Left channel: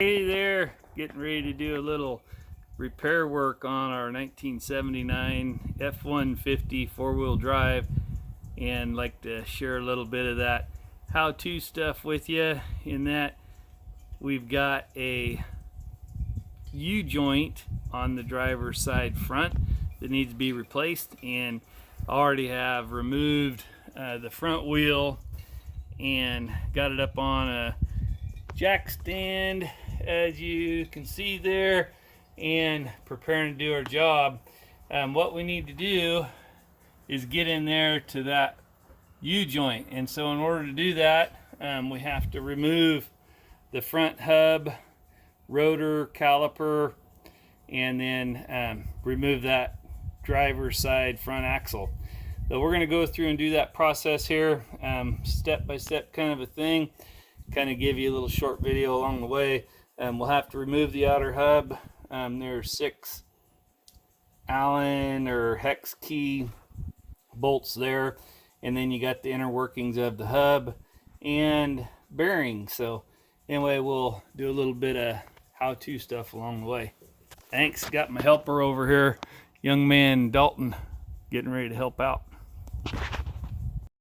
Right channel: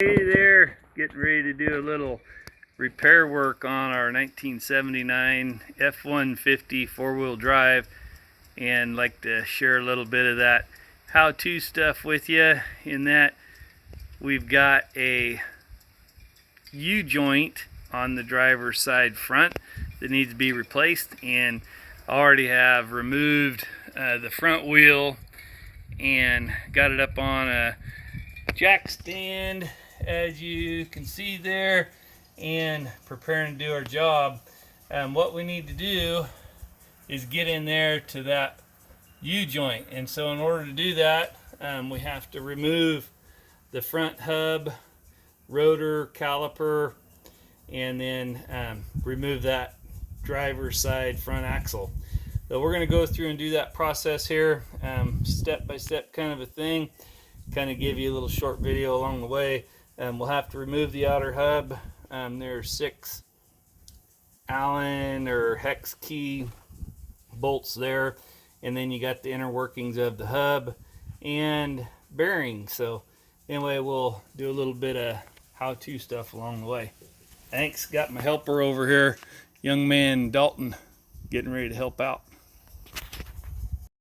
Hey there, getting ready to do a little repair work on our 1979 F150 four-wheel drive, and like to share a little bit of that how-to stuff with you. In that, we've got a U-joint on the driver's side front that needs to be replaced, and I already have removed the front wheel and got it up on a jack stand, as you can see there, and preparing to do our job. What we need to do is get in there to that U-joint, and so in order to do that, we have to remove the front hub, rotor, caliper, and then remove that driver's side front axle. So we're going to go through and do that process here, step by step kind of a thing, kind of give you a little short video along the way. We'll have to remove the outer hub. There are 6 Allen or hex key bolts there, and then you got the inner workings of the hub and bearings. So anyway, we'll do a little bit of how-to stuff along the way. Thanks. Got my helper over here, young man Dalton, getting ready to help out.